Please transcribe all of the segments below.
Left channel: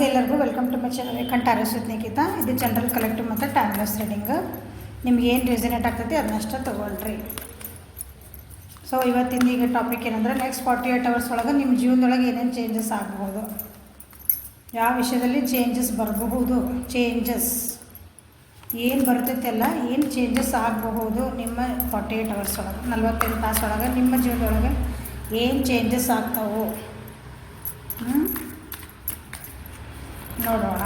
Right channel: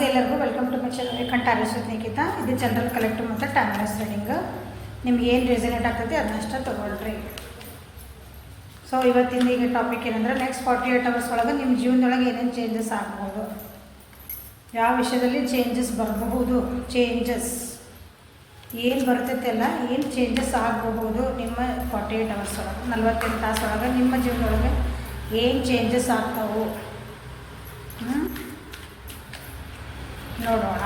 ನಮಸ್ತೆ ಎಲ್ಲರಿಗೂ, welcome to my channel ಕಂಟಾರಿಸ್ ನಿಖಿತಾ. ಇದು ಜನರಲ್ ಕಲೆಕ್ಟಿವ್ ಮತ್ತು ಟೈಮ್ಲೆಸ್ ರೀಡಿಂಗ್. ನಿಮ್ಗೆ ಏನು ರೆಸನೇಟ್ ಆಗ್ತೈತಿ ಅದನ್ನಷ್ಟೇ ತೊಗೊಳ್ರಿ. ಸೊ ಇವತ್ತಿಂದ ಈಗ ಟಾಪಿಕ್ ಏನಂದರೆ, ನೆಕ್ಸ್ಟ್ 48 hours ಒಳಗೆ ನಿಮ್ಮ ಜೀವನದೊಳಗೆ ಏನೇನು ಚೇಂಜಸ್ ಆಗ್ಬೋದು, ಯಾವ ವಿಷಯದಲ್ಲಿ ಚೇಂಜಸ್ ಬರಬಹುದು, ಚೇಂಜಸ್ ಏನು ಬರ್ತೈತೆಲ್ಲ ಏನು ಚೇಂಜಸ್ ಆಗಬಹುದು ನಿಮ್ಮ 48 hours ಒಳಗೆ, 48 ತಾಸು ಒಳಗೆ ನಿಮ್ಮ ಜೀವನದೊಳಗೆ ಏನು ಚೇಂಜಸ್ ಆಗ್ತಾವು ನೋಡೋಣ.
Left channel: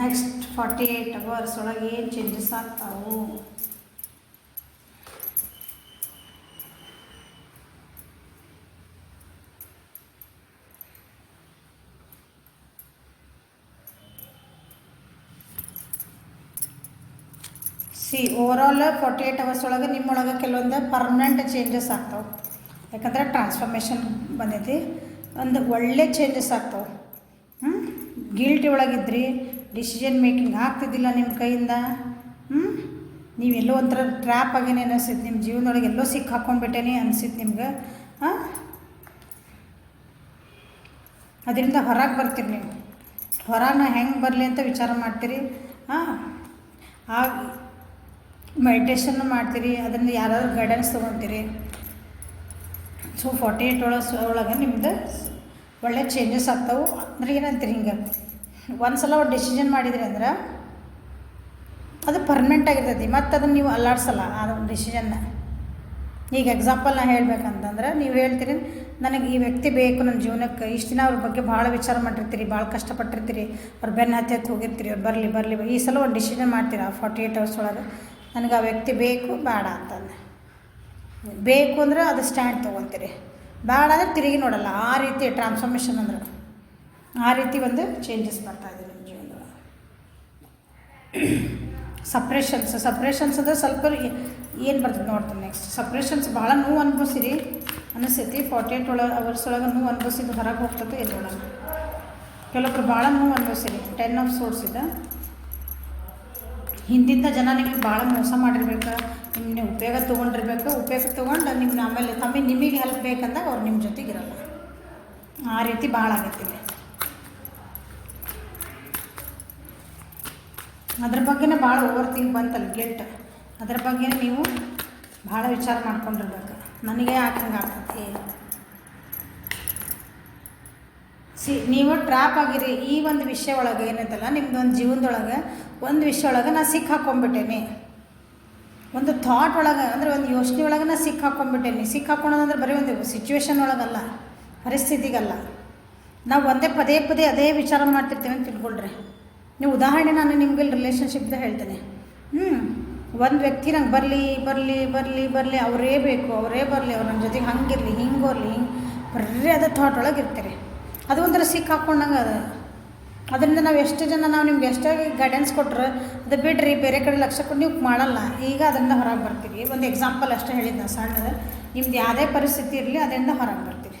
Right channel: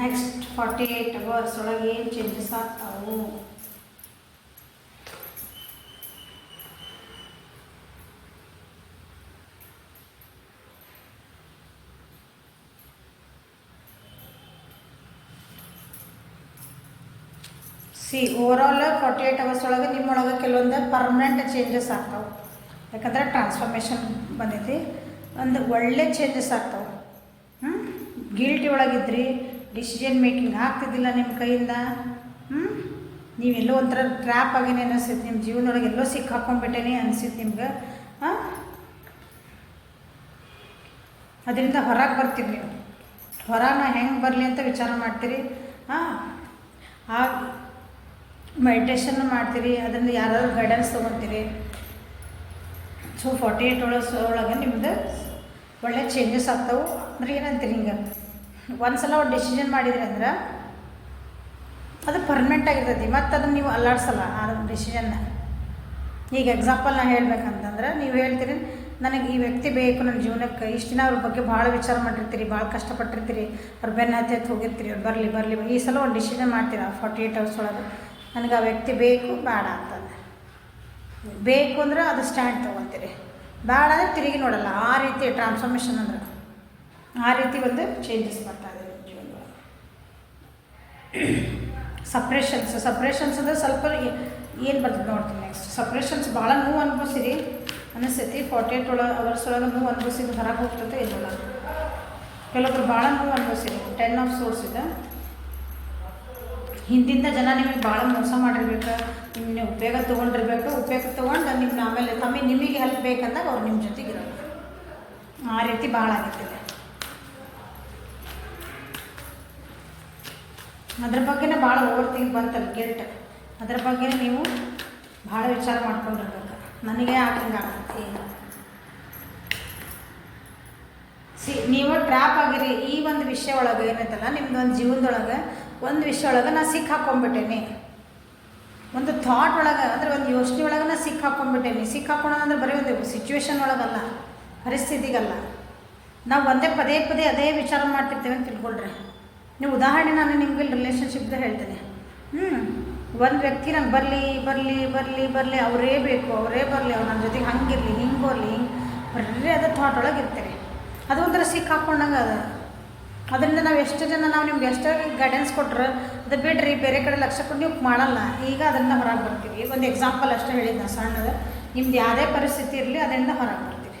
ನೆಕ್ಸ್ಟ್ 48 hours ಒಳಗೆ ಏನು ಚೇಂಜಸ್ ಆಗ್ತಾವು. ಓವರಾಲ್ 48 hours ಒಳಗೆ ನಿಮ್ಮೊಳಗೆ ಕೆಲವೊಂದು ಪರ್ಮನೆಂಟ್ ಚೇಂಜಸ್ ಆಗ್ತಾವೆ. ಯಾಕಂದರೆ ಟ್ರಾನ್ಸ್ಫಾರ್ಮೇಷನ್ ಬಂದೈತಿ, ಒಂದು ಒಳ್ಳೆ ಚೇಂಜಸ್ ಆಗ್ತಾವೆ. ಗಿಲ್ಟಿ ಒಳಗಿದ್ರಿ, ಡಿಸಿಷನ್ ಮೇಕಿಂಗ್ ಆಗ್ತಿದ್ದಿಲ್ಲ ನಿಮ್ಮ ಕೈಯಿಂದ, ನೀವೆಲ್ಲೋ ಒಂಥರ ಟ್ರ್ಯಾಪ್ ಆಗೇನೆ ಅನಿಸ್ತೈತಿ, ನಿಮ್ಮ ಜೀವನದೊಳಗೆ ಎಲ್ಲೋ ಸಿಕ್ಕಿ ಹಾಕ್ಕೊಂಡ್ಬಿಟ್ಟೇನೆ ಅನಿಸಿತ್ತು ನಿಮ್ಗೆ. ಅದರಿಂದ ಹೊರಗೆ ಬರ್ತೀರಿ ನೀವು. ಹೊರಗೆ ಹೆಂಗೆ ಬರಲಿ ಅಂತ ವಿಚಾರ ಮಾಡ್ತೀರಿ. ಆ ಮೆಡಿಟೇಷನ್ ಮಾಡ್ತೀರಿ, ಅದರಿಂದ ಯಾರಾದ್ರೂ ಗೈಡೆನ್ಸ್ ತೊಗೊತೀರಿ. ಸೊ 48 hours ಒಳಗೆ ನಿಮ್ದು ಒಳ್ಳೆ ಚೇಂಜಸ್ ಆಗ್ತಾವೆ. ಅಂದ್ರೆ ಏನಂತೀರಿ, ಹಿಂಗೆ ಒಂದು ಸಲ ಒಂದು ಡಿಸಿಷನ್ ಮಾಡಿದ್ರಿ ಅಂದ್ರೆ ಅದು ಪರ್ಮನೆಂಟ್ ಆಗಿರ್ತೈತಿ, ಮತ್ತು ಅದನ್ನು ನೀವು ಅಲ್ಲಾಡ್ಸಲ್ಲ ಆ ಡಿಸಿಷನ್ನ. ಈಗ ಎಕ್ಸಾಂಪಲ್ ನಾನು ಹೇಳ್ಬೇಕಂತಂದ್ರೆ, ನೀವು ಹೇಳ್ತೀರಿ ನನಗೆ ಈ ವ್ಯಕ್ತಿ ಬೇಕು ನನ್ನ ಜೀವನಕ್ಕೆ. ಇಷ್ಟು ದಿನ ಅವ್ರ ಬಗ್ಗೆ ಭಾಳ ವಿಚಾರ ಮಾಡಿರ್ತೀರಿ, ಭಾಳ ಕಷ್ಟಪಟ್ಟಿರ್ತೀರಿ, ಅವ್ರು ಬೆನ್ನ ಹತ್ತಿ ಹೋಗಿರ್ತೀರಿ, ಅವ್ರು ಬರಲಿ ಈ ಸಲ ಒಂದು ಡಿಸಿಷನ್ ಮಾಡ್ತೀರಾ 48 hours ಒಳಗೆ, ನನಗೆ ಆ ವ್ಯಕ್ತಿ ಬೇಕು ಬೇಡ ಅಂತಂದು. ಬೇಕು ಅಂದ್ರೆ ಅದು ಸ್ಟ್ಯಾಂಡ್ ತೊಗೊತೀರಿ, ಬೇಡ ಅಂದರೆ ತಿರುಗಿ ನೋಡಲ್ಲ. ಆ ರೀತಿ ಟ್ರಾನ್ಸ್ಫಾರ್ಮೇಷನ್ ಅಂದ್ರೆ ಆ ರೀತಿ ಒಂದು ಚೇಂಜಸ್ ಬರ್ತಾಯಿದೆ ನಿಮ್ಮ ಜೀವನದೊಳಗೆ. ಸಪ್ರೇಷನ್ಸ್ ಅಂದರೆ ಸ್ವಲ್ಪ ಏನು ಬರ್ತದೆ ನೋಡ್ತೀನಿ. ನೆಕ್ಸ್ಟ್ ಸಪ್ರೇಷನ್ಸ್ ಭಾಳ ನೋವು ಅನ್ಭವಿಸಿರಿ ಅನಿಸ್ತೈತಿ. 48 hours ಒಳಗೆ ನೋವು ಅನ್ಭವಿಸಿದ್ದು ಹೊರಗೆ ಹೋಗ್ತದೆ ಎಲ್ಲೊಳಗೆ. ಕೆಲವೊಬ್ರು ಭಾಳ ನೋವು ಅನ್ಭವಿಸಿರಿ. 10 of Swords ಇದೆ. ಹಿಂದಿಂದ ಜನ ನಿಮಗೆ ಭಾಳ ಮೋಸ ಮಾಡಿರ್ಬೇಕು, ನಿಮ್ಮನ್ನ ಉಪಯೋಗ ತೊಗೊಂಡಿರ್ಬೇಕು. ಉಪಯೋಗ ತೊಗೊಂಡು ನಿಮ್ಮ ಆಮೇಲೆ ನಿಮಗೆ ಹೆಲ್ಪ್ ಬೇಕಂದಾಗ ಅವ್ರು ನಿಮ್ಮ ಜೊತೆಗೆ ಇರಲ್ಲ. ಆ ರೀತಿ ಭಾಳ ಆಗತ್ತಿಲ್ಲ. ಅದ್ರ ಬಗ್ಗೆನೇ ಭಾಳ ಓವರ್ ಥಿಂಕ್ ಬಂತಲ್ಲ, ಗಿಲ್ಟ್. ಅದ್ರ ಬಗ್ಗೆ ನೀವು ಭಾಳ ವಿಚಾರ ಮಾಡ್ಕೊಂಡಿರ್ಬೇಕು. ನನಗೆ ಯಾಕಂಗೆ ಆಗ್ತೈತಿ, ನೀವು ಟ್ರ್ಯಾಪ್ ಆಗಿರಿ ಈ ಒಂದು ವಿಷಯ ಒಳಗೆ. ಏನೈತಲ್ಲ ನಿಮ್ಗೊಂದು ಜೀವನದೊಳಗೆ ಒಂದು ವಿಷಯ ಒಳಗೆ ನಾ ಸಿಕ್ಕಿ ಹಾಕ್ಕೊಂಡ್ಬಿಟ್ಟೇನೆ, ಒಂದು ಥಾಟ್ ಒಳಗೆ ಅಂದರೆ ಒಂದು ಯೋಚನೆ ಒಳಗೆ ನಾ ಸಿಕ್ಕಿ ಹಾಕ್ಕೊಂಡ್ಬಿಟ್ಟೇನೆ. ಸಿಕ್ಕಿ ಹಾಕ್ಕೊಳ್ಳೋದಂದ್ರೆ ಬರೀ ಒಂದು ಸಿಚುವೇಶನ್ ಒಳಗಲ್ಲ, ಪರಿಸ್ಥಿತಿಗಲ್ಲ. ನಾವು ಪದೇ ಅದೇ ವಿಚಾರ ಮಾಡ್ತಿರ್ತೇವೆ ಅಂತ ತಿಳ್ಕೊಳ್ರಿ ನೀವು. ಉದಾಹರಣೆ ನಾನು ನಿಮ್ಗೆ ರಿಲೇಷನ್ಶಿಪ್ದಾಗ ಹೇಳ್ತೇನೆ. ಒಂದು ವ್ಯಕ್ತಿ ನಂಗೆ ಬರಲಿ ಅವರೇ ಬೇಕು, ಅವರೇ ಬರಲಿ, ಅವ್ರು ನನ್ನ ಜೊತೆಗೆ ಹಂಗಿರಲಿ, ಹಿಂಗೆ ಬರೀ ಅದೇ ಥಾಟ್ ಒಳಗೆ ಇರ್ತಾರೆ. ಅದು ಒಂಥರ ಸಿಕ್ಕಿ ಹಾಕ್ಕೊಂಡಂಗೆ ಅದ. ಅದರಿಂದ ನಾವು ಎಷ್ಟು ಜನ ನಿಮ್ಗೆ ಎಷ್ಟಾಗಿ ಗೈಡೆನ್ಸ್ ಕೊಟ್ಟರೆ ಅದು ಬಿಡ್ರಿ, ಬೇರೆ ಕಡೆ ಲಕ್ಷ ಕೊಟ್ಟು ನೀವು ಮಾಡಲ್ಲ. ಈಗ ಅದರಿಂದ ಹೊರಗೆ ಬರ್ತೀರಿ. ಒಂದು ಎಕ್ಸಾಂಪಲ್ ಅಷ್ಟೇ ಹೇಳಿದ್ದೆ ಸಣ್ಣದು. ನಿಮ್ದು ಯಾವುದೇ ಪರಿಸ್ಥಿತಿ ಇರಲಿ ಅದರಿಂದ ಹೊರಗೆ ಬರ್ತೀರಿ.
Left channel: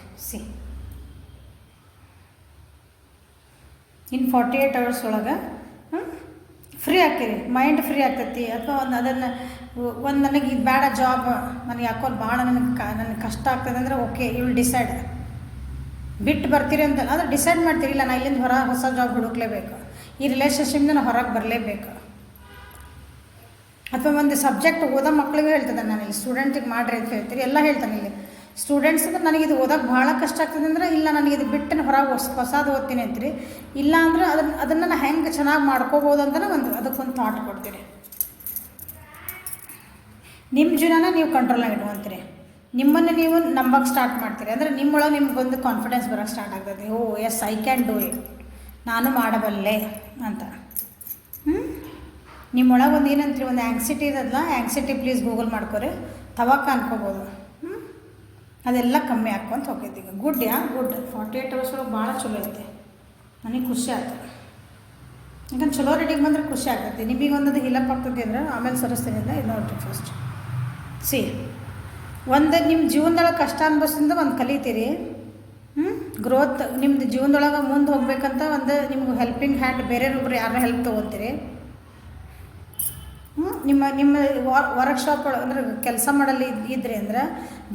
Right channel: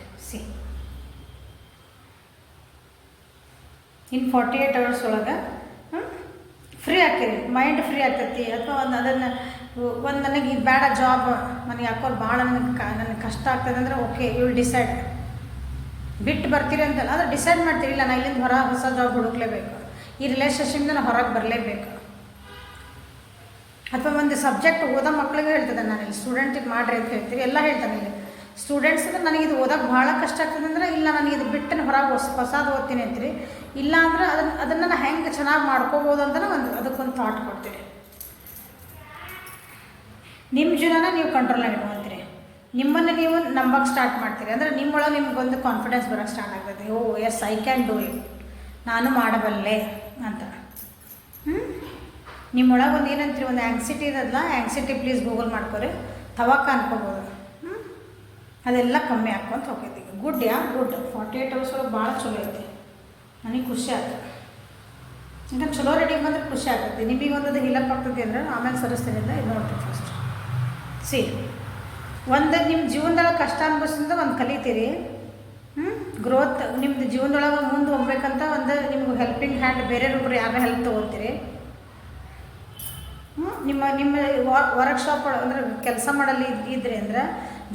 ಇನ್ 48 hours ಒಳಗೆ ಫ್ರೀ ಆಗ್ತೀರಿ, ಮೈಂಡ್ ಫ್ರೀ ಆಗ್ತೈತಿ. ಅಥವಾ ಒಂದು ನನಗೆ ಇದು ಬೇಡ ಜಾಬ್, ನನಗೆ ಯಾಕೋ ಭಾಳ ನನಗೆ ಕಷ್ಟ ಆಗ್ತದೆ ಅಂದರೆ ಓಕೆ, ಯು ವಿಲ್ ಡಿಸೈಡ್. ಬಿಟ್ಟು ಬರ್ತೀರಿ ಅಂತ ಆದರೆ ಡಿಸೈಡ್ ಮಾಡ್ತೀರಿ, ಇಲ್ಲ ನಾನು ಇಲ್ಲಿಂದ ಹೊಸ ಜಾಬ್ ಹುಡುಕ್ಲೇಬೇಕು, ಈ ರಿಲೇಷನ್ಶಿಪ್ನ ನಾನು ಹೊರಗೆ ಬರಲೇಬೇಕು. ಅಥವಾ ಒಂದು ಸಬ್ಜೆಕ್ಟ್ ಓದೋ ಮಕ್ಳಿಗೆ ಹೇಳ್ತದೆ, ನಾನು ಇಲ್ಲಿ ಸ್ಟೂಡೆಂಟಿಗೆ ಮಾಡ್ರಿ ಅಂತ ಹೇಳ್ತೀವಿ, ಎಲ್ಲ ಹೇಳ್ತಾನೆ. ಇಲ್ಲಿ ಸ್ಟೂಡೆಂಟ್ಸ್ ಅಂದ್ರೆ ನನಗಿದು ಓದೋಕ್ಕೆ ಭಾಳ ಕಷ್ಟ ಆಗ್ತದೆ ಅಂದರೆ, ಇಲ್ಲ ನನಗಿದು ಬಿಟ್ಟು ಹೊರಗೆ ಹೊಸದು ಓದ್ತೀನಿ ಅಂತೀರಿ. ಇಲ್ಲ ಅಂದ್ರೆ ಅದನ್ನು ನಾನು ಹೆಂಗೆ ಚೆನ್ನಾಗಿ ಮಾಡ್ಕೋಬೋದು ಅಂತಲೇ ಅದಕ್ಕೊಂದು ಥಾಟ್ ಕೊಡ್ತೀರಿ. ನಿಮ್ಮ ಜೀವನ ನೀವು ಕಂಟ್ರೋಲಾಗಿ ಇಟ್ಕೊಳ್ತೀರಿ. ನಿಮ್ಮನ್ನು ನೀವು ನಂಬಕ್ಕೆ ಸ್ಟಾರ್ಟ್ ಮಾಡ್ತೀರಿ. ಅಂದರೆ ನಿಮ್ಮೊಳಗೆ ನಿಮ್ಗೊಂದು ಕಾನ್ಫಿಡೆನ್ಸ್ ಬರೋಕ್ಕೆ ಸ್ಟಾರ್ಟ್ ಆಗ್ತದೆ. Oh yes, I can do it, ನಾನು ಮಾಡಬಲ್ಲೆ ಅಂತ. ನಿಮ್ಮೊಳಗೆ ಒಂದು ಏನಂತೀರಿ, ಒಂದು ಆ್ಯಂಗ್ಸಿಟಿ ಇರೋದಲ್ಲ, ಆ್ಯಂಗ್ಸಿಟಿ ಪ್ಲೀಸ್ ಗೂಗಲ್ ಮಾಡ್ಕೊರಿ, ತವಕ ಅನ್ಕೋಬೋದು. ಅದೆಲ್ಲ ಕಮ್ಮಿ ಹಾಕ್ಕೊಂತ ಹೋಗ್ತೈತಿ. ಗುಡ್ 48 hours ಒಳಗೆ ಭಾಳ ಚಲೋ ಐತಿ. ನನಗೆ ಖುಷಿ ಆಯ್ತು. ಯಾಕಂದ್ರೆ ಚಲೋ ರೆಡಿಗೆ ಬಂದರೆ ಖುಷಿ ಆಗ್ತೈತಿ. ನಿಮಗೆ ಒಂದದು ಹಿಲಪ್ ಆಗ್ತೈತಿ ಅಂದ್ರೆ ಆಮೇಲೆ ಸರಿಸ್ತೀನಿ ಅಂತ ಇದು ನೋಡ್ತೀವಿ. ಫಸ್ಟ್ ಒಂದು ನಿಮ್ಮ ಜೀವನದೊಳಗೆ ಕಷ್ಟ ಅನ್ಭವಿಸಿಂದ ಒಂದು ಕಲಿತೀರಿ. ಗ್ರೋತ್ ನಿಮ್ಮದು ಜೀವನದೊಳಗೆ ಮುಂದೆ ಹೋಗ್ಬೇಕಂತ ಒಂದು ನಿಮ್ಗೆ ಹೆಲ್ಪಿಂಗ್ ಹ್ಯಾಂಡ್ ಬೇರೆಯೊಬ್ಬರು ಯಾರನ್ನ ಹೆಲ್ಪ್ ತೊಗೊತೀರಿ. ನಿಮ್ಮ ನಿಮ್ಮ ವರ್ಕ್ಶಾಪ್ ಒಳಗೆ ಅಂದರೆ ಕೆಲಸ ಮಾಡಲ್ಲಿ ಇದ್ರಿ ಅಂದ್ರೆ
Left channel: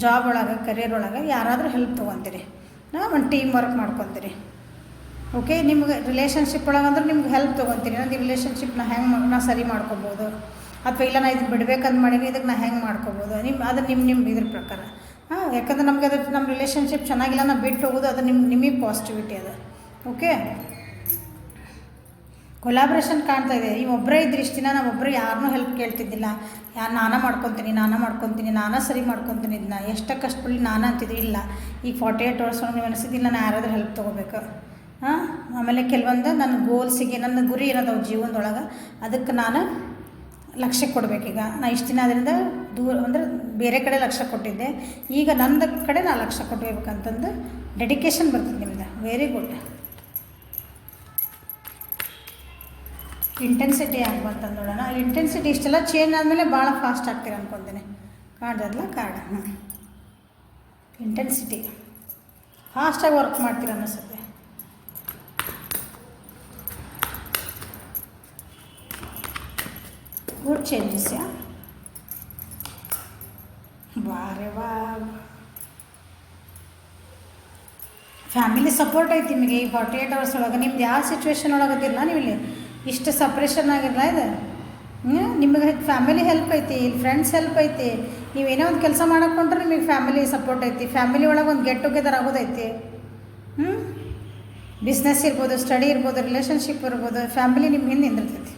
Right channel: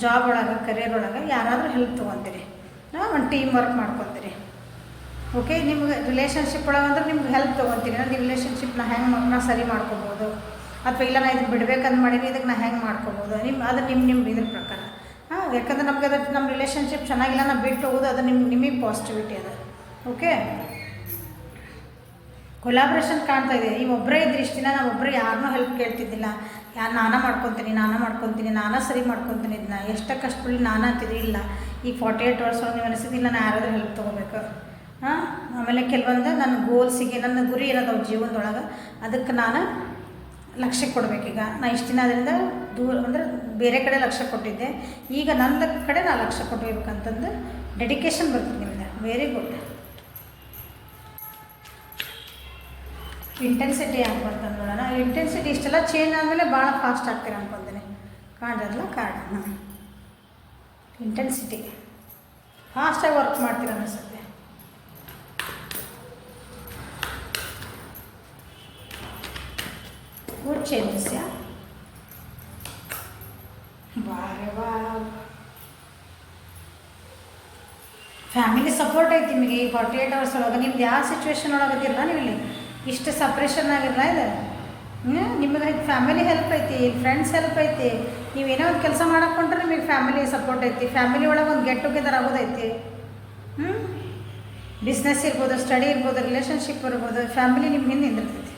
ಜಾಬ್ ಒಳಗೆ ಕರಿಯರ್ ಒಳಗೆ ಯಾರಾದರೂ ಹೆಲ್ಪ್ ತೊಗೊತೀರಿ, ಒಂದು ಟೀಮ್ ವರ್ಕ್ ಮಾಡ್ಕೊತೀರಿ. ಓಕೆ, ನಿಮ್ಗೆ ರಿಲೇಷನ್ಶಿಪ್ ಒಳಗೆ ಅಂದ್ರೆ ನಿಮ್ಗೆ ಹೆಲ್ಪ್ ತೊಗೊತೀನಿ, ನಾನು ಈ ರಿಲೇಷನ್ಶಿಪ್ನ ಹೆಂಗೆ ನಾ ಸರಿ ಮಾಡ್ಕೊಬೋದು, ಅಥವಾ ಇಲ್ಲ ನಾ ಇದನ್ನು ಬಿಡ್ಬೇಕಂತ ಮಾಡೀನಿ ಇದಕ್ಕೆ ನಾ ಹೆಂಗೆ ಮಾಡ್ಕೊಬೋದು, ಅದು ನಿಮ್ಮ ಇದ್ರ ಪ್ರಕಾರ. ಯಾಕಂದ್ರೆ ನಮ್ಗೆ ಅದ್ರ ನಮ್ಮ ರಿಲೇಷನ್ಶಿಪ್ ಚೆನ್ನಾಗಿಲ್ಲ ನಾವು ಬಿಟ್ಟು ಹೋಗೋದು ಅದು ನಿಮಗೆ ಪಾಸಿಟಿವಿಟಿ ಅದು. ಓಕೆ, ಕೊಲಾಬ್ರೇಷನ್ ಕಾಣ್ತಾ ಇದೆ. ಈ ಒಬ್ಬರೇ ಇದ್ರಿ ಇಷ್ಟು ದಿನ ನಾವು ಒಬ್ಬರೇ ಯಾರನ್ನೂ ಹೆಲ್ಪ್ ಕೇಳ್ತಿದ್ದಿಲ್ಲ, ನಾನೇ ಮಾಡ್ಕೊತೀನಿ ನಾನೇ ಸರಿ ಮಾಡ್ಕೊತೀನಿ, ಇದನ್ನ ಎಷ್ಟೇ ಕಷ್ಟಪಡಿ ನಾನು ಅಂತಿದ್ರಿ. ಇಲ್ಲ, ಈಗ 48 hours ನೀವು ಅನಿಸಿದ್ದು ನಾನು ಯಾರಾದರೂ ಹೆಲ್ಪ್ ತೊಗೋಬೇಕು. ಆಮೇಲೆ ಕೆಲವೊಂದು ನನ್ನ ಗೋಲ್ಸಿಗೆ ನನ್ನ ಗುರಿ ಇರೋದು ಜೀವನದೊಳಗೆ ಅದಕ್ಕೆ ನಾನು ಲಕ್ಷ್ಯ ಕೊಡಬೇಕೀಗ. ನಾನು ಇಷ್ಟು ದಿನ ಅದರಿಂದ ದೂರ ಅಂದರೆ ಬೇರೆ ಕಡೆ ಲಕ್ಷ್ಯ ಕೊಟ್ಟಿದ್ದೆ, ಈಗ ನನ್ನ ಕಡೆ ನಾನು ಲಕ್ಷ್ಯ ಕೊಟ್ಟಿರ್ಬೇಕಂತಂದು ಡೆಡಿಕೇಶನ್ ಬರ್ತದೆ ನಿಮ್ಗೆ. Very good. ಇಂಟೆನ್ಸಿಟಿ ಅಂತಂದು ನೋಡೋಣ. ಇಂಟೆನ್ಸಿಟಿ ಇಷ್ಟೆಲ್ಲ ಚೇಂಜ್ ಆದಮೇಲೆ ಭಾಳ ಫಾಸ್ಟ್ ಆಗ್ತೀರ ಅನ್ಕೊತೀನಿ. ಕಾಣ್ದಲ್ಲ ಕಾರ್ಡ್ ಇಂಟೆನ್ಸಿಟಿ ಫಾಸ್ಟಾಗಿ ವರ್ಕ್ ಮಾಡ್ತೀರ ಅನ್ನಿಸುತ್ತೆ. Good changes. ಫ್ಯಾಮಿಲಿ ಸಪೋರ್ಟ್ ಐತಿ ನಿಮಗೆ ಈ 48 hours ಒಳಗೆ. ನಿಮ್ದು ಯಾವ ಸಿಚುವೇಶನ್ ಒಳಗದಿಲ್ಲ ನೀವು ಇಲ್ಲಿ ಇಷ್ಟು ಸಪ್ರೇಷನ್ ಆಗಿರಲ್ಲ ಇದು. ನಿಮಗೆ ಫ್ಯಾಮಿಲಿ ಹೆಲ್ಪ್ ಐತಿ, ಇಲ್ಲಿ ಫ್ರೆಂಡ್ಸ್ ಹೆಲ್ಪ್ ಐತಿ. ನೀವೇನೋ ಒಂದು ಕೆಲಸ ಮಾಡಕೊಂಡ್ರೆ ನಿಮಗೆ ಫ್ಯಾಮಿಲಿ ಸಪೋರ್ಟ್ ಐತಿ. ಫ್ಯಾಮಿಲಿ ಒಳಗೆ ಒಂದು ಗೆಟ್ ಟುಗೆದರ್ ಆಗೋದೈತಿ. ಬಿಸ್ನೆಸ್ ಇರ್ಬೋದು, ಸ್ಟಡಿ ಇರ್ಬೋದು, ರಿಲೇಷನ್ಶಿಪ್ ಇರ್ಬೋದು, ಫ್ಯಾಮಿಲಿ ನಿಮ್ಮ ಹಿಂದೆ ನಿಂದಿರ್ತೈತಿ.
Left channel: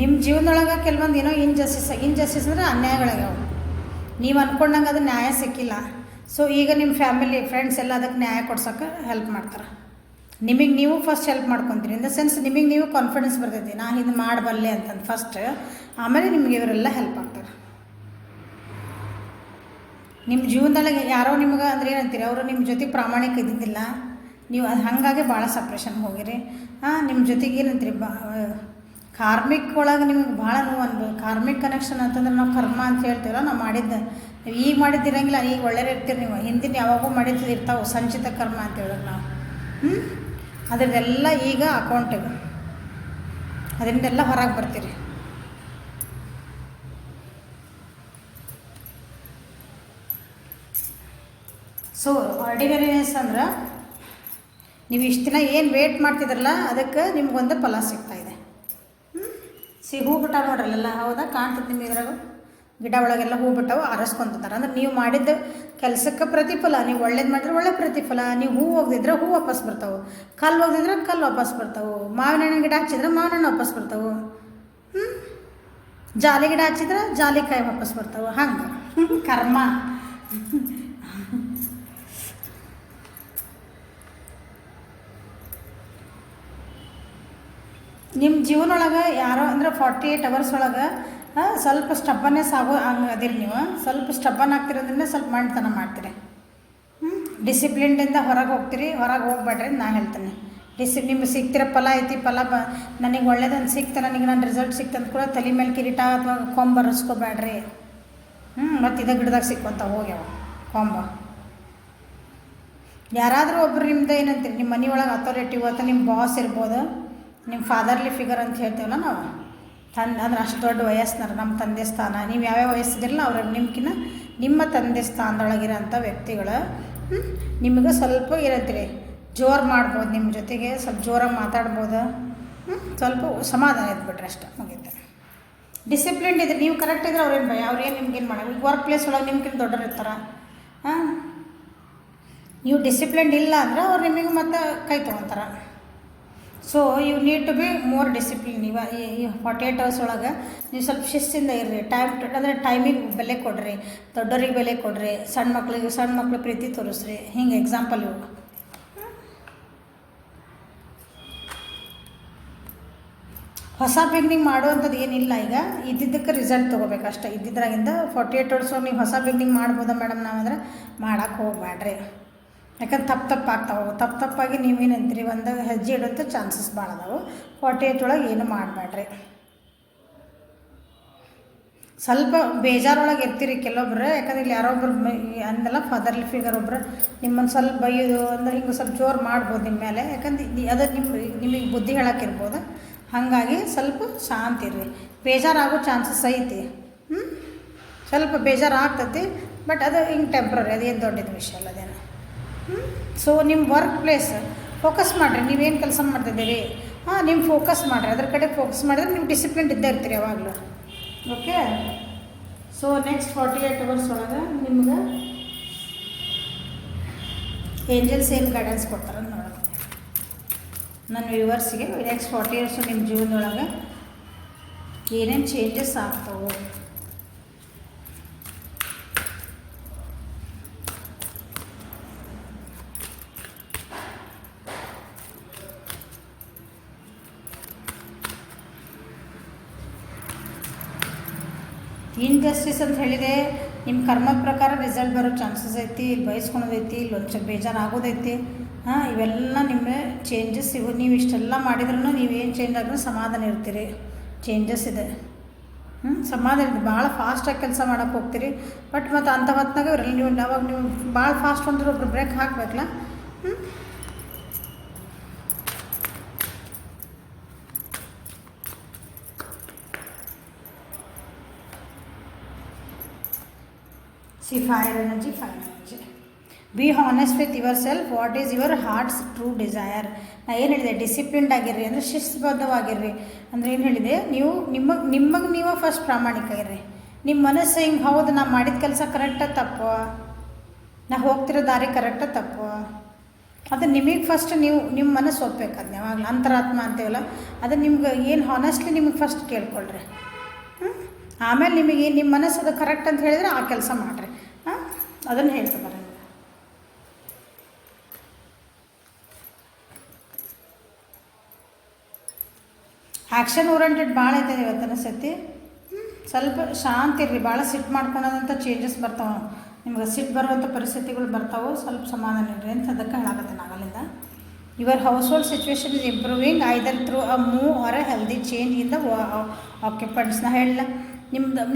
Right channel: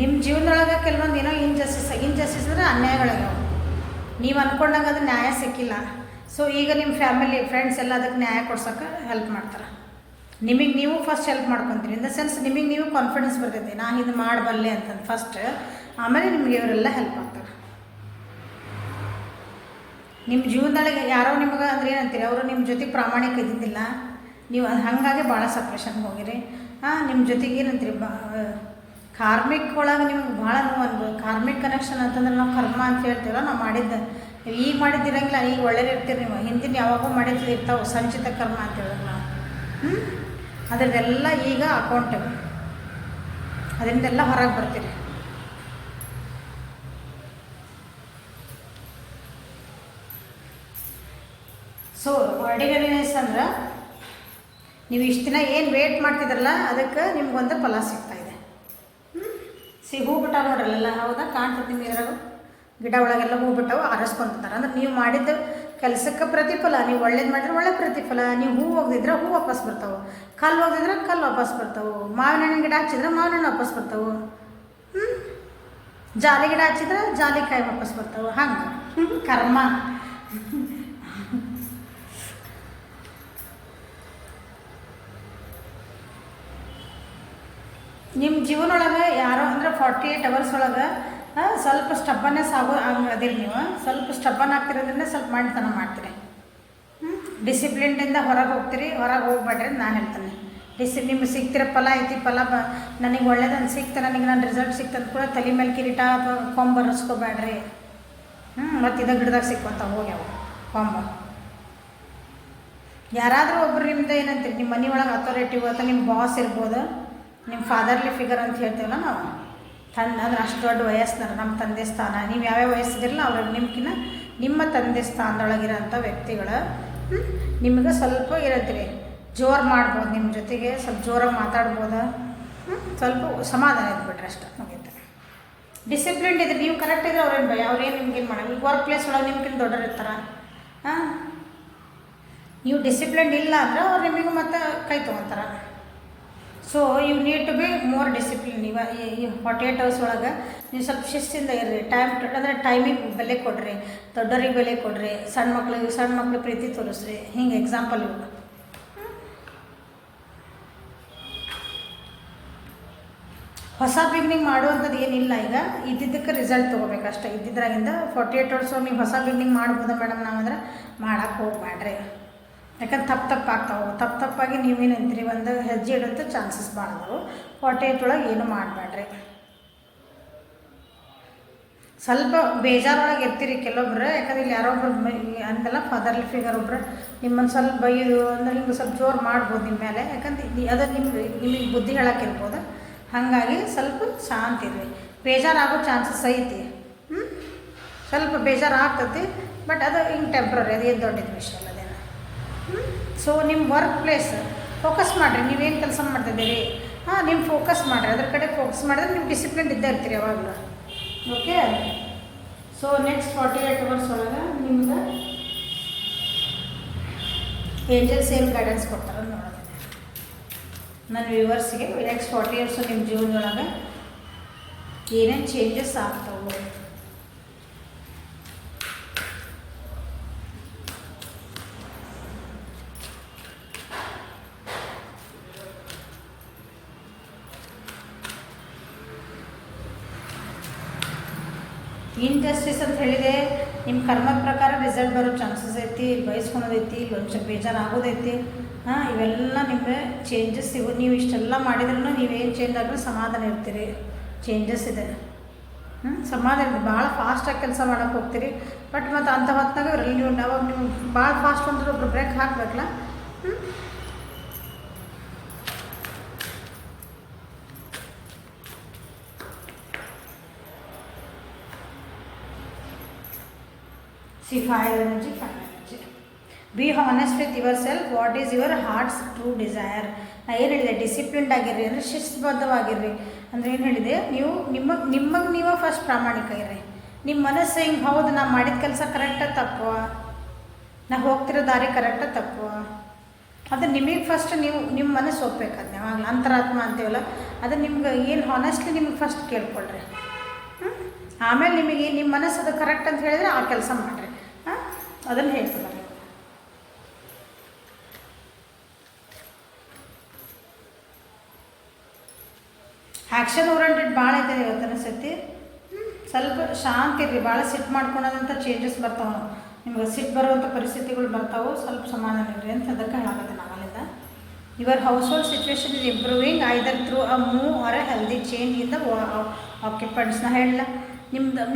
ನಿಮ್ಮ ಜೀವನದೊಳಗೆ ಕೆಲವೊಂದು ಏನೋ ಇಂಜಸ್ಟಿಸ್ ಅಂದರೆ ಅನ್ಯಾಯಗಳಾಗ್ಯಾವ. ನೀವು ಅಂದ್ಕೊಂಡಂಗೆ ಅದು ನ್ಯಾಯ ಸಿಕ್ಕಿಲ್ಲ. ಸೊ ಈಗ ನಿಮ್ಮ ಫ್ಯಾಮಿಲಿ ಫ್ರೆಂಡ್ಸ್ ಎಲ್ಲ ಅದಕ್ಕೆ ನ್ಯಾಯ ಕೊಡ್ಸೋಕೆ ಹೆಲ್ಪ್ ಮಾಡ್ತಾರೆ. ನಿಮಗೆ ನೀವು ಫಸ್ಟ್ ಹೆಲ್ಪ್ ಮಾಡ್ಕೊತೀರಿ. ಇನ್ ದ ಸೆನ್ಸ್ ನಿಮಗೆ ನೀವು ಕಾನ್ಫಿಡೆನ್ಸ್ ಬರ್ತೈತಿ, ನಾನು ಇದು ಮಾಡಬಲ್ಲೆ ಅಂತಂದು ಫಸ್ಟ್. ಆಮೇಲೆ ನಿಮಗೆ ಇವರೆಲ್ಲ ಹೆಲ್ಪ್ ಮಾಡ್ತಾರೆ. ನಿಮ್ಮ ಜೀವನದೊಳಗೆ ಯಾರೋ ನಿಮಗೆ ಅಂದ್ರೆ ಏನಂತೀರಿ, ಅವರು ನಿಮ್ಮ ಜೊತೆಗೆ ಪ್ರಾಮಾಣಿಕ ಇದ್ದಿದ್ದಿಲ್ಲ, ನೀವು ಅದು ಹಾಗಾಗಿ ಭಾಳ ಸಪ್ರೇಷನ್ಗೆ ಹೋಗಿರಿ. ನಿಮ್ಮ ಜೊತೆಗೆ ಏನಂತೀರಿ, ಕಾರ್ಮಿಕ್ ಒಳಗೆ ನಿಮ್ಗೆ ಭಾಳ ನೋವು ಅನ್ಬೋದು. ಕಾರ್ಮಿಕ್ ಕನೆಕ್ಷನ್ ಅಂತಂದ್ರೆ ನಾವು ಕರ್ಮ ಅಂತ ಹೇಳ್ತೀವಲ್ಲ, ನಾವು ಮಾಡಿದ್ದು ಈಗ ಮಾಡಿದ್ದಿರಂಗಿಲ್ಲ, ಈಗ ಒಳ್ಳೆಯದಿರ್ತೀರಿ. ನೀವು ಹಿಂದಿನ ಯಾವಾಗೂ ಮಾಡಿರ್ತೀರಿ ಇರ್ತಾವೆ ಸಂಚಿತ ಕರ್ಮ ಅಂತ ಹೇಳೋದು ನಾವು. ಅದರದೆಲ್ಲ ಈಗ ಅಕೌಂಟಿಗೆ ಅದರಿಂದೆಲ್ಲ ಹೊರಗೆ ಬರ್ತೀರಿ. ಸೊ ಆರ್ಡಿನರಿನೆಸ್ ಅಂದ್ರೆ ನೀವು ಇಷ್ಟು ದಿನ ಏನು ವೇಟ್ ಮಾಡ್ತಿದ್ರಲ್ಲ ಅದಕ್ಕೆ ನಿಮ್ಗೊಂದು ಫಲ ಸಿಗ್ತಾಯಿದೆ. ಹೂ ಬಿಟ್ಟ ನೋಡ್ರಲ್ಲ, ಹೌದಾ, ಕಾಣ್ತದೆ ನಿಮ್ಗೆ ಇದ್ರಾಗ ಗಿಡ ಒಳಗೆಲ್ಲ ಹೂ ಬಿಟ್ಟವು ಆರಿಸ್ಕೊಂತಾರೆ. ಅಂದ್ರೆ ನೀವು ಮಾಡಿದ್ದ ಕೆಲಸಕ್ಕೆ ಪ್ರತಿಫಲ. ನೀವು ಒಳ್ಳೇದು ಮಾಡಿದ್ರೆ ಒಳ್ಳೆ ಪ್ರತಿಫಲ. ನೀವು ಹೂ ಹೋಗಿದ್ರೆ ಹೂ ವಾಪಸ್ ಬರ್ತಾವೆ, ಕಲ್ಲು ಹೋಗಿದ್ರೆ ಕಲ್ಲು ವಾಪಸ್ ಬರ್ತಾವೆ, ಮಾವಿನ ಹಣ್ಣಿನ ಗಿಡ ಹಚ್ಚಿದ್ರೆ ಮಾವಿನ ಹಣ್ಣು ವಾಪಸ್ ಬರ್ತಾವೆ, ಜಾಲಿ ಗಿಡ ಹಚ್ಚಿದ್ರೆ ಜಾಲಿಕಾಯಿ ವಾಪಸ್ ಬರ್ತಾವೆ. ಹಂಗೆ ಕರ್ಮ. ನಿಮ್ಮ ಜೀವನೊಳಗೆ ಯಾರೋ ಅಂದರೆ 48 hours ಒಳಗೆ ಸ್ವಲ್ಪ ಸ್ಟಬ್ಬನ್ನೆಸ್ ಅದಿರಿ. ನೀವು ಸ್ವಲ್ಪ ಸ್ಟಬ್ಬನ್ ಆಗ್ತಿರೋದ್ರಿಂದ ಸ್ವಲ್ಪ ಮಾಡಿತನ ಮಾಡ್ತೀರಿ. ಡಿಸಿಪ್ಲಿನ್ಡಿಂದ ಹೊರಗೆ ಹೋಗ್ತೀರಿ. ಹೊರಗೆ ಹೋಗ್ಬೇಡ್ರಿ ಅಂತ ನಾನು ಹೇಳ್ತೇನೆ. ನಿಮ್ಗೆ ಸಿಗ್ತಿರೋ ಫಲ ಐತಿ, ಫಲ ನನಗೆ ಒಳ್ಳೇದೊಂದು ಸಿಕ್ತು, ನನಗೆ ನನ್ನ ರಿಸಲ್ಟ್ ಸಿಕ್ತಂತ ಕೂಡ ತಲೆ ಮೇಲೆ ಕಿರೀಟ ಅಥವಾ ಕೊಂಬ ಬರೆಸ್ಕೋಬೇಡ್ರಿ. ಮತ್ತು ಇದ ಗಿಡದಾಗ ಸಿಕ್ಕಂತ ಹೋಗ್ಯಾವ ಕೊಂಬ. ಯಾರಾದರೂ ಒಬ್ರು ನಿಮ್ದು ಏನಂತೀರಿ, ನಿಮ್ಮ ಮನೆ ಒಳಗೆ ಅಥಾರಿಟಿವ್ ಅಥವಾ ನಿಮ್ಮ ಬಾಸ್ ಇರ್ಬೋದು, ನಿಮ್ಮ ಫಾದರ್ಲಿ ಫಿಗರ್ ಅಂತ ಹೇಳ್ತೀವಲ್ಲ ನಾವು, ಅಂದ್ರೆ ಅಷ್ಟು ದೊಡ್ಡ ವಯಸ್ಸಿನಾರ ನಮ್ಮ ತಂದೆ ಸ್ಥಾನ. ನೀವು ಯಾವ್ಯಾವ ವಯಸ್ಸಿದಿರಲ್ಲ ಅವ್ರ ನಿಮ್ಮ ತಂದೆ ಸ್ಥಾನದೊಳಗಿರೋಂಥ ವ್ಯಕ್ತಿಗಳು ನಿಮಗೆ ಸ್ವಲ್ಪ ಇರತ್ತೀರಿ, ಜೋರು ಮಾಡ್ಬೋದು, ನಿಮ್ಮ ಜೊತೆಗೆ ಸ್ವಲ್ಪ ಜೋರಾಗಿ ಮಾತಾಡ್ಬೋದು, ಸ್ವಲ್ಪ ಸಮಾಧಾನ ಇದ್ಬಿಟ್ರೆ ಅಷ್ಟೇ, ಮುಗೀತು. ಡಿಸಿಪ್ಲಿನ್ ಇದೆ, ನೀವು ಕರೆಕ್ಟ್ ಇದ್ರೆ ಅವ್ರೇನು ಭಯ, ಅವ್ರೇನು ನಿಮ್ಗೇನು ಮಾಡೋದು. ಈಗ ವರ್ಕ್ ಪ್ಲೇಸ್ ಒಳಗೆ ನಿಮ್ಗಿಂತ ದೊಡ್ಡರು ಇರ್ತಾರೆ. ನೀವು ಡಿಸಿಪ್ಲಿನ್ ಇಲ್ಲ ಅಂದ್ರೆ ಅವ್ರು ನಿಮಗೆ ಮತ್ತೆ ಕೈ ತೊಗೊತಾರೆ. So you need to be more discipline. ಈ 48 hours ಒಳಗೆ ನೀವು ಸ್ವಲ್ಪ ಶಿಸ್ತಿಂದ ಇರ್ರಿ. ಅಂದರೆ ಟೈಮಿಗೆ ಬೆಲೆ ಕೊಡ್ರಿ, ದೊಡ್ಡರಿಗೆ ಬೆಲೆ ಕೊಡ್ರಿ, ಸಣ್ಣ ಮಕ್ಳಿಗೆ ಪ್ರೀತಿ ತೋರಿಸ್ರಿ. ಹಿಂಗೆ ಎಕ್ಸಾಂಪಲ್ ಇವು. ಹೊಸ ಬಿಗ್ನಿಂಗ್ ಮಾಡುವಂಥದ್ದು ಏನಿಲ್ಲ. ಈಗ ಇದ್ದಿದ್ದಕ್ಕೆ ರಿಸಲ್ಟ್ ತೊಗೋಬೇಕು ಅಷ್ಟೇ. ಇದ್ದಿದ್ರಾಗಿಂದ 48 hours ನೀವು ಹೊಸ ಬಿಗ್ನಿಂಗ್ ಮಾಡ್ಬೋದಾ ಮೇಡಮ್ ನಾವಂದ್ರೆ ಮಾಡೋಕ್ಕೆ ಹೋಗ್ಬೇಡ್ರಿ. ಯಾಕಂದ್ರೆ ತಪ್ಪಾಗ್ತಾವೆ. ತಪ್ಪಾಗಿ ನೀವೇನಂತೀರಿ ಒಂದು ಹೆಜ್ಜೆ ಇಡೋಂಥ ಚಾನ್ಸಸ್ ಭಾಳ ಅದಾವೆ. 48 ಒಳಗೆ ಏನು ಮಾಡಬೇಡ್ರಿ. ಸ್ವಲ್ಪ ಬೇಜಾರೊಳಗೆ ಇರ್ತೀರಿ ಕೆಲವೊಬ್ರು, ಯಾಕಂದ್ರೆ ಇಲ್ಲಿ ಯಾರೊಬ್ರು ಅಂದಲ್ಲ ಫಾದರ್ಲಿ ಫಿಗರ್ ಒಬ್ರು ನಿಮ್ಮನ್ನು ಸ್ವಲ್ಪ ಬೈಯೋದು ಅಂದ್ರೆ ಹಿಂಗೆ ಸ್ವಲ್ಪ ಜೋರು ಮಾಡ್ಬೋದು ನಿಮ್ಮ ಮೇಲೆ, ಯಾಕಂದ್ರೆ ಅದು ನಿಮಗೆ ಬುದ್ಧಿ ಹೇಳೋಕ್ಕಿರ್ಬೋದು. ಹಾಗಾಗಿ ಸ್ವಲ್ಪ ಶಾಂತಿ ಇರ್ರಿ. ಬೇಜಾರಾಗೋ ಚಾನ್ಸಸ್ ಐತಿ, ಸ್ವಲ್ಪ ಬೇಜಾರು ಆಗ್ತತಿ, ಬಟ್ ಅದು ಹಿಂಗೆ ಟೆಂಪ್ರರಿ, ಅದೇನು ದೊಡ್ಡದು ವಿಷಯ ಅಲ್ಲ ಅದೇನು. ಸೊ ನಿಮ್ಮ ವರ್ಕ್ ಪ್ಲೇಸ್ ಫೋಕಸ್ ಮಾಡಿರಿ, ನೀವೇನು ಕೆಲಸ ಮಾಡ್ತಿದ್ದೀರಿ ನಿಮ್ಮ ಫೋಕಸ್ ಮಾಡಿರಿ, ಅದ್ರ ಕಡೆ ಫೋಕಸ್ ಮಾಡಿದ್ರೆ ನೀವು ಡಿಸಿಪ್ಲಿನ್ ಇದ್ದೇ ಇರ್ತೀರಿ ಯಾವಾಗಲೂ. ಓಕೆ. ಸೊ ನೆಕ್ಸ್ಟ್ 48 hours ಒಳಗೆ ನಿಮ್ಗೆ ಏಂಜಲ್ಸ್ ಏನು ಗೈಡೆನ್ಸ್ ಕೊಡ್ತಾರೆ ನೋಡೋದು ನನ್ನ ವ್ಯೂವರ್ಸಿಗೆ. ನೆಕ್ಸ್ಟ್ 40 years ನಿಮ್ಮ ಜೀವನದೊಳಗೆ ಏನೇನು ಚೇಂಜಸ್ ಆಗ್ತಾವೆ. ಇನ್ಜಸ್ಟಿಸ್ ಅಂತ ಹೇಳಿದರೆ ನಿಮ್ಮ ಕರ್ಮದ ಪ್ರಕಾರ ರಿಸಲ್ಟ್ ಬರೋ ಚಾನ್ಸಸ್ ಐತಿ, ಇಲ್ಲಿ ಬಯಸ್ಕೊಳೋದೈತಿ, ಇಲ್ಲಿ ಒಂದು ಸ್ವಲ್ಪ ಬೇಜಾರಾಗೋದೈತಿ. ಇವೆಲ್ಲ ನಿಮಗೆ ಚೇಂಜಸ್ ಸಿಗೋದು. ನೀವು ಇಷ್ಟೆಲ್ಲ ಮಾಡಿದ್ರೂ ನೀವೇನು ಚೇಂಜ್ ಆದ್ರೂ ಸಮಾಧಾನ ಇರ್ತೀರಿ. ಚೇಂಜಸ್ ಇದೆ, ಸಮಾಧಾನ ಇದೆ. ಭಾಳ ಫಾಸ್ಟಾಗಿ ಕೆಲಸ ಮಾಡೋಕ್ಕೆ ಹೋಗ್ತೀರಿ, ಬಟ್ ಮತ್ತು ಅಂಥ ಹೊತ್ತಿನಾಗ ಇರಲಿ ನೀವು ಅವಾಗ ನೀವು ಭಾಳ ಫಾಸ್ಟ್ ಅಂದ್ರೆ ಒಬ್ರು break ಹಾಕಬೇಕಲ್ಲ. Fire energy. Be honest with yourself. What is your heart's true desire? ನಾ ಏನು ಹೇಳಿದೆ, ಡಿಸಿಪ್ಲಿನ್ಡ್ ಆಗಿರ್ರಿ ಅಂದರೆ ಶಿಸ್ತುಬದ್ಧವಾಗಿರ್ರಿ ಅಂದರೆ ಏನು ಹೇಳಿದೆ, ನೀವು ನಿಮಗೆ ನೀವು ಫಸ್ಟ್ ಪ್ರಾಮಾಣಿಕ ಇರ್ರಿ. ನಿಮ್ಮ ಮನಸ್ಸು ಹಿಂಗೆ ಹೌದು ನಾ ಮಾಡಿದ ಕೆಲಸ ಕರೆಕ್ಟ ತಪ್ಪು, ನಾ ಹೋಗ್ತಿರೋ ದಾರಿ ಕರೆಕ್ಟ ತಪ್ಪು, ಅದು ನಿಮಗೆ ಫಸ್ಟ್ ನೀವು ನಿಮ್ಮ ಮನಸ್ಸು ಒಪ್ಬೇಕು. ಅದನ್ನ ಯಾವಾಗಲೂ ಅಂತರಾತ್ಮ ಅಂತೀವಲ್ಲ, ಅದು ನಿಮ್ಗೆ ಏನು ಹಾನೆಸ್ಟ್ಲಿ ನಿಮಗೆ ಫಸ್ಟ್ ಕೇಳ್ಕೊಳ್ರಿ. ಆಮೇಲೆ ನಿಮಗೆ ನಿಮ್ಮ ಮನಸ್ಸು ಅದು ಕರೆಕ್ಟ್ ಅಂತ ಹೇಳಿದ್ರೆ ಆ ಕೆಲಸ ಮಾಡಿರಿ. ಅದನ್ನು ಹೇಳ್ತೀವಿ. ಆ್ಯಕ್ಷನ್ ಓರಿಯೆಂಟೆಡ್ ಭಾಳ ಐತೆ ಇವತ್ತಿನ ಸತಿ. ಸ್ವಲ್ಪ ಶಾಂತಿ ಇರ್ರಿ, ಭಾಳ ಸಿಟ್ಟು ಮಾಡ್ಕೊಳೋದಂಥ ಚೇಂಜಸ್ ಬರ್ತಾವೆ. ನಿಮ್ಗೆ ಸಿಟ್ಟು ಬರುವಂಥ ಪರಿಸ್ಥಿತಿಗಳು ಬರ್ತಾವೆ, ಸ್ವಲ್ಪ ಸಮಾಧಾನ ಇರ್ರಿ ಅಂತ ಅದಕ್ಕೆ ಹೇಳಾಕತ್ತೆ ನಾವಲ್ಲಿಂದ. Your household situation is improving either through a move or a healthy change in the ಆಕ್ಯುಪೆಂಟ್ಸ್ನ ಹೇಳಲ್ಲ.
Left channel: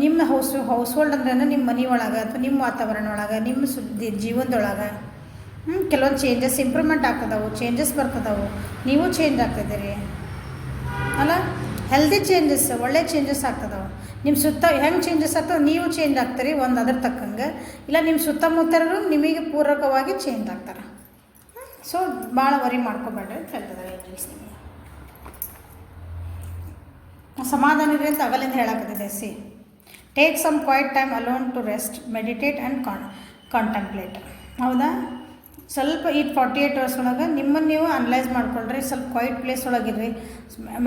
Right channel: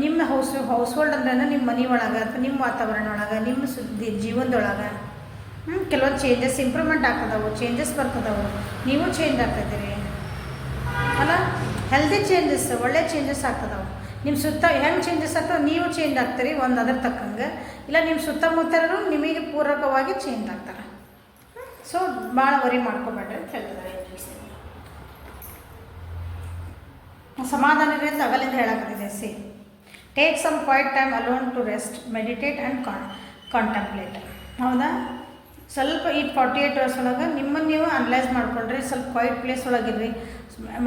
ನಿಮ್ಮ ಹೌಸ್ ಹೋಲ್ಡ್ ಅಂದ್ರೆ ನಿಮ್ಮ ಮನೆ ಒಳಗೆ ಅಥವಾ ನಿಮ್ಮ ವಾತಾವರಣ ಒಳಗೆ ನಿಮ್ಮ ಜೀವನದೊಳಗೆ ಕೆಲವೊಂದು ಚೇಂಜಸ್ ಇಂಪ್ರೂವ್ಮೆಂಟ್ ಆಗ್ತದವು, ಚೇಂಜಸ್ ಬರ್ತದವು. ನೀವು ಚೇಂಜ್ ಆಗ್ತಿದ್ದೀರಿ ಅಲ್ಲ, ಹೆಲ್ದಿ ಚೇಂಜಸ್, ಒಳ್ಳೆ ಚೇಂಜಸ್ ಆಗ್ತದವು. ನಿಮ್ಮ ಸುತ್ತ ಹೆಂಗೆ ಚೇಂಜಸ್ ಆಗ್ತವೆ, ನೀವು ಚೇಂಜ್ ಆಗ್ತೀರಿ ಒಂದು ಅದ್ರ ತಕ್ಕಂಗೆ. ಇಲ್ಲ ನಿಮ್ಮ ಸುತ್ತಮುತ್ತಲೂ ನಿಮಗೆ ಪೂರಕವಾಗಿ ಚೇಂಜ್ ಆಗ್ತಾರೆ. ಸೊ ಭಾಳ ವರಿ ಮಾಡ್ಕೋಬೇಡ್ರಿ ಅಂತ ಹೇಳ್ತಿದ್ದಾರೆ. ಸಮಾಧಾನ ಇರಿ ಅಂತ ಅಗಲಿಂದ ಹೇಳಾಕತ್ತಿದೆ. See take some quiet time alone to rest, meditate and contemplate. ಹೌದಾ, ಸ್ವಲ್ಪ ಈ 48 hours ಒಳಗೆ ನಿಮ್ಮನ್ನು ನೀವು ಅನಲೈಸ್ ಮಾಡ್ಕೊಳ್ರಿ. ಸ್ವಲ್ಪ ಕ್ವೈಟ್ ಪ್ಲೇಸ್ ಒಳಗಿರ್ರಿ,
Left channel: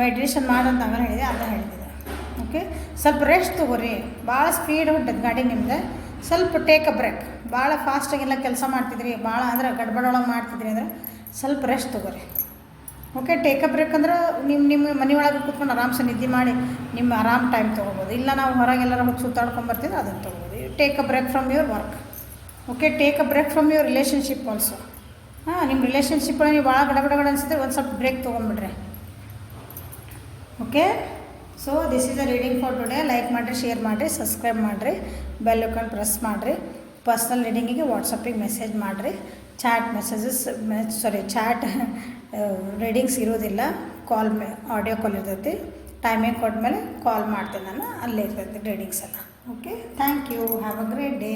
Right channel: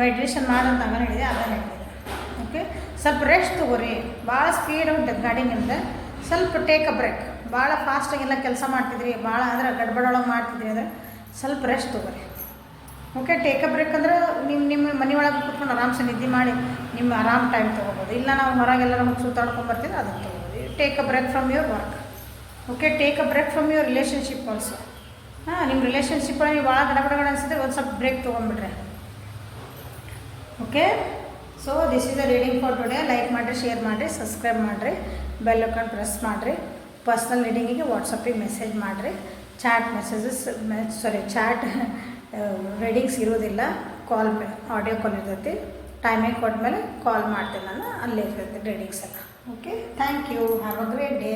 ಮೆಡಿಟೇಷನ್ ಮಾಡಂತ ಅವನು ಹೇಳಿದೆ, ಅದನ್ನು ಹೇಳ್ತಿದ್ದೆ. ಓಕೆ, ಸ್ವಲ್ಪ ರೆಸ್ಟ್ ತೊಗೋರಿ. ಭಾಳ ಸ್ಪೀಡ್ ಹೊಂಟದ ಗಾಡಿ ನಿಮ್ದು, ಸ್ವಲ್ಪ ಟೇಕ್ ಅ ಬ್ರೇಕ್. ಭಾಳ ಫಾಸ್ಟಾಗೆಲ್ಲ ಕೆಲಸ ಮಾಡ್ತಿದ್ರಿ, ಭಾಳ ಅಂದ್ರೆ ಗಡ್ಬಡೊಳಗೆ ಮಾಡ್ತಿದ್ರಿ ಅಂದರೆ ಸ್ವಲ್ಪ ರೆಸ್ಟ್ ತೊಗೋರಿ. ಓಕೆ, ಟೇಕ್ ಅ ಬ್ರೇಕ್ ಅಂದ್ರೆ ನಿಮ್ಮ ಮನೆ ಒಳಗೆ ಕೂತ್ಕೊಂಡು ಆರಾಮ್ಸೆ ನಿದ್ದೆ ಮಾಡಿ ನಿಮ್ಮ ಆರಾಮ್ ಟೈಮ್ ತೊಗೋಬೋದು. ಇಲ್ಲ ನಾವು ಹೊರಗೆಲ್ಲ ಹೋಗಿ ಸುತ್ತಾಡ್ಕೊಂಡ್ಬರ್ತಿದ್ರೆ ಅದನ್ನು ತೊಗೋಬೋದು. Take a break from your work. Okay, take a break from your relationship also. ನಿಮ್ಮ ರಿಲೇಷನ್ಶಿಪ್ ಒಳಗೆ ನೀವು ಭಾಳ ಗಡಗಡ ಅನಿಸಿದ್ರೆ ಒಂದು ಸ್ವಲ್ಪ ಬ್ರೇಕ್ ತೊಗೊಂಡ್ಬಿಡ್ರಿ. Okay, so this is the reading for today. Like ಮಾಡಿರಿ, ಶೇರ್ ಮಾಡಿರಿ, ಸಬ್ಸ್ಕ್ರೈಬ್ ಮಾಡಿರಿ, ಬೆಲ್ ಐಕಾನ್ ಪ್ರೆಸ್ ಮಾಡಿರಿ. ಪರ್ಸ್ನಲ್ ರೀಡಿಂಗಿಗೆ ವಾಟ್ಸಪ್ಪಿಗೆ ಮೆಸೇಜ್ ಮಾಡಿರಿ. ಚಾಟ್ ರೀಡಿಂಗ್ಸ್ ಇರೋದಿಲ್ಲ, ಕಾಲ್ ಆಡಿಯೋ ಕಾಲ್ ಇರ್ತೈತಿ. ಟೈಮಿಂಗ್ ಕೊಟ್ಮೇಲೆ ಕಾಲ್ ಮಾಡ್ತೇನೆ ನಾನು, ಅಲ್ಲೇ ಇರ್ತೈತಿ ರೀಡಿಂಗ್ಸ್ ಎಲ್ಲ. Okay, thank you, have a great day.